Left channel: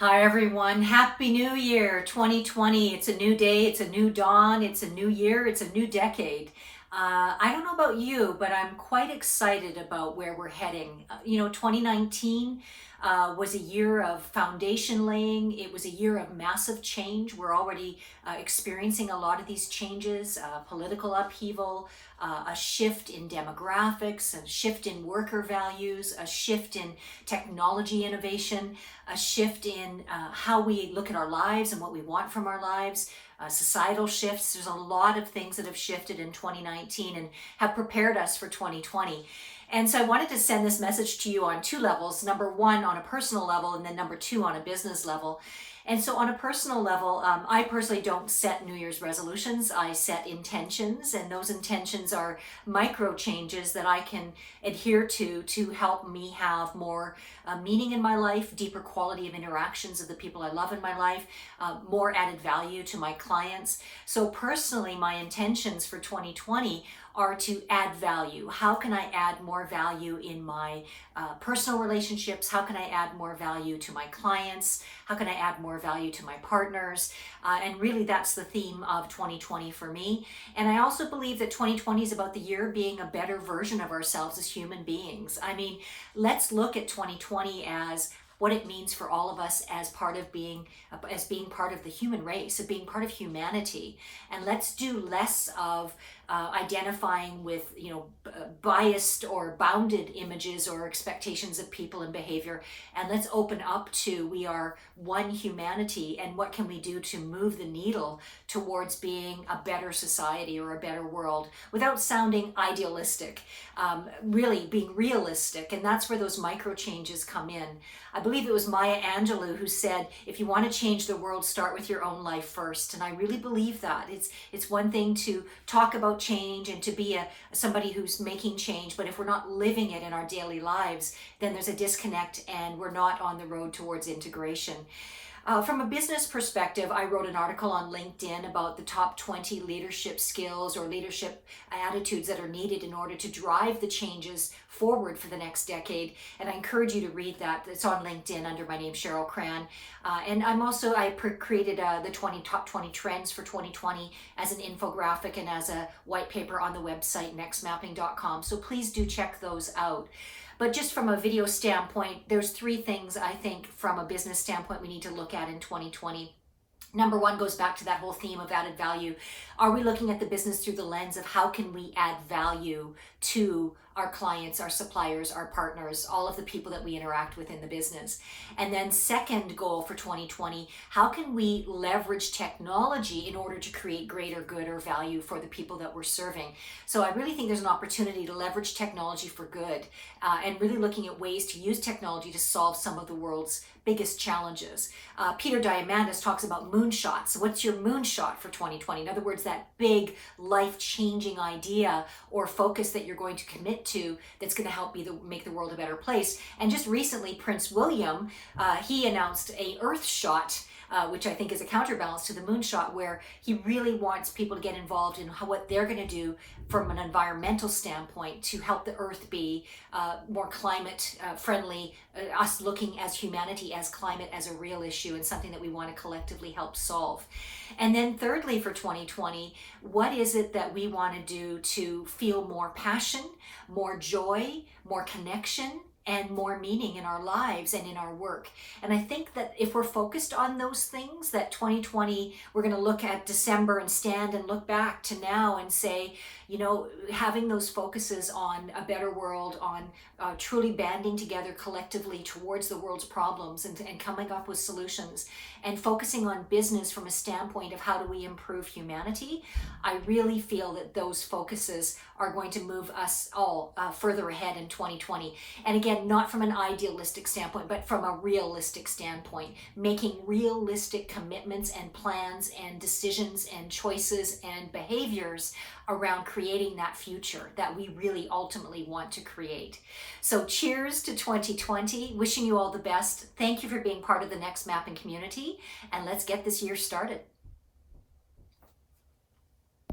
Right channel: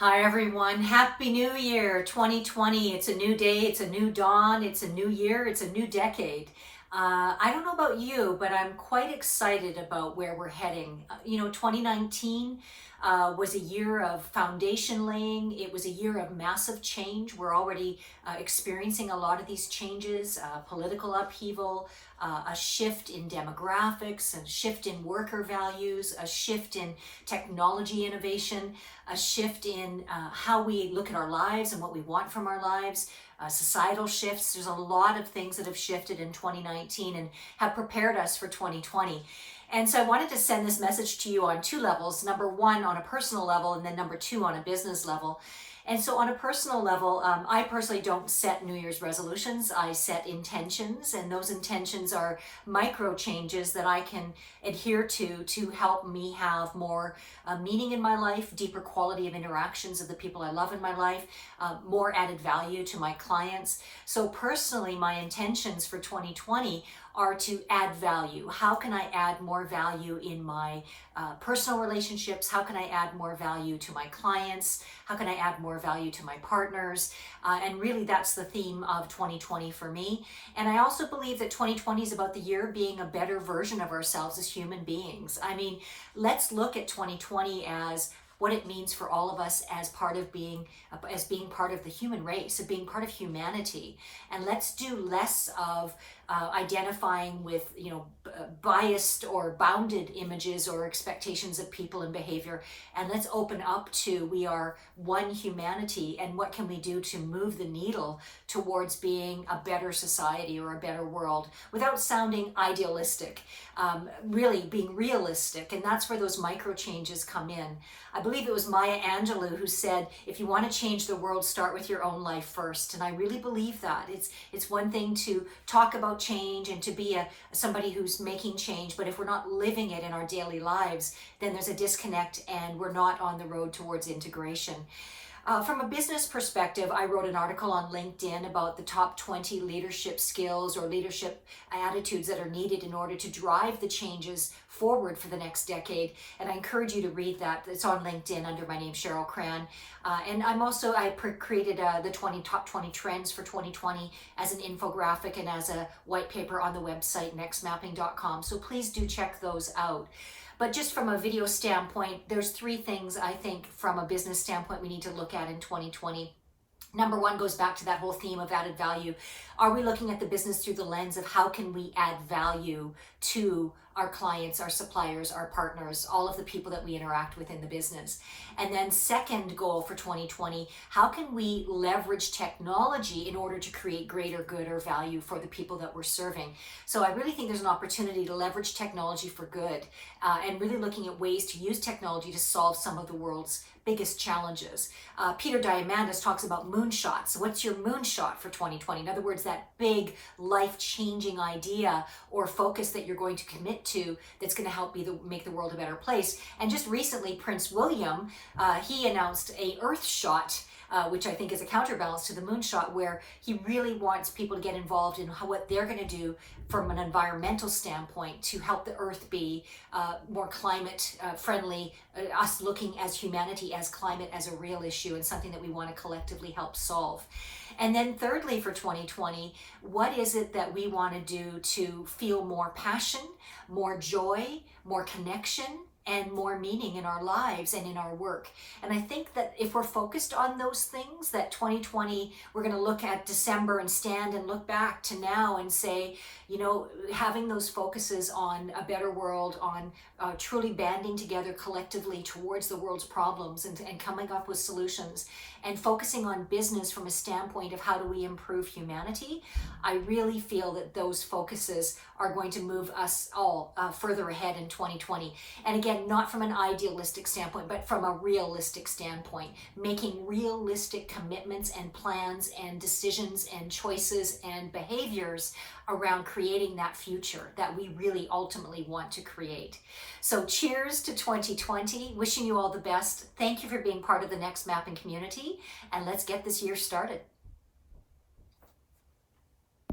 Hi everyone, Happy New Year 2020. It's a new day, it's a new dawn, it's a new year, it's a new decade. I don't know about you, but I'm quite excited about where we're heading. 2019 was a year of foundation laying. It was a year of massive change. We're already experiencing a lot of these changes, political upheaval, a shift in demographics, a shift in worker values, a shift in technology innovation, a shift in how we look at our lives and what we want from our lives, societal shifts. There's a lot of things that have shifted in 2019 and have prepared us for 2020. And so I wanted to send this message to you on two levels. Number one, on a personal level, and then number two, on a business level. And so on a personal level, I personally don't set New Year's resolutions. I set intentions, and those intentions are micro changes that I can adhere to help me have more meaning in my life, deeper quality of interactions of the people I love in my life, more added value to my clients. So personally, my intentions for 2020 are to add value. How can I add more value in my personal relationships? How can I add more value to my clients? How can I add more value to my partners? And really that's the theme of 2020 for me. And I also believe that 2020 is about the year being a better version of ourselves as human beings. I mean, let's look at 2020 as what it means for all of us as being part of the human race, of being part of humanity. And let's do less of identifying with biased or bounded images or expectations of people and behavior, and let's open up to we are one humanity, and what can we do to move the needle towards being a better society or a better world without sounding idealistic, really being realistic. And that's where those micro changes come in. I believe it was Maya Angelou who said, if you want to change the world, start with your own life first. And I really believe that. It's one thing to talk about change and to be somebody who's making change, but if we're not living it in our daily lives, then there's a disconnect and we're not on the road towards integration. From a business perspective, I wrote an article on LinkedIn about the top 20 leadership skills or leadership attitudes that are needed in order to drive the changes forward for the next decade. And I encourage you to read that. It's on LinkedIn under my name, Cheryl Cran. And I created the top 20 trends for 2020 as an infographic and as a white paper on the website, nextmapping.com. So please do check those out. But just from a video standpoint, there's three things I think from a business standpoint we need to look at in 2020. Number one goes back to that whole theme of added value. Are we looking at the business through the lens of how can we add value to our clients, our suppliers, our partners, all of the people that we interact with in the business? And then second goal for 2020, how can we leverage technology in order to create greater good or value for the people that we're serving? So I really think there's an opportunity to leverage technology for good and really looking at ways to use technology to solve some of the world's biggest challenges. Peter Diamandis talks about moonshots. What's your moonshot for 2020? In other words, that big life-changing idea or focus that you're going to commit to that's going to help make the world a better place. And just recently, Prince William, he announced a Earth shot, which I think is a counterbalance to the moonshot, where he really wants people to get involved in what they're going to do from an environmental standpoint to help the Earth be more climate friendly, us looking as humanity, as climate, as a real issue and something that we want to collectively help solve. And then thirdly, for 2020, what is it that we want to do to feel more passion, more joy, more connection, and more meaning in our lives and in our work? And I think that if we're focused on those things, that 2020, we're going to look at December and stand and look back to now and say, having those focuses on a better world, on truly banding together collectively towards the world's problems and coming up with solutions and focusing on business from a standpoint of how do we improve humanity, I really feel that those focuses are going to move us all further ahead in 2020. And again, not from an idealistic standpoint, but from a realistic standpoint, making realistic commitments and plans and decisions and choices and behaviors around creating that future that we really ultimately want to create. So cheers to 2020, wishing you all the best. Thank you for being part of the NextMapping community, and let's get this year started.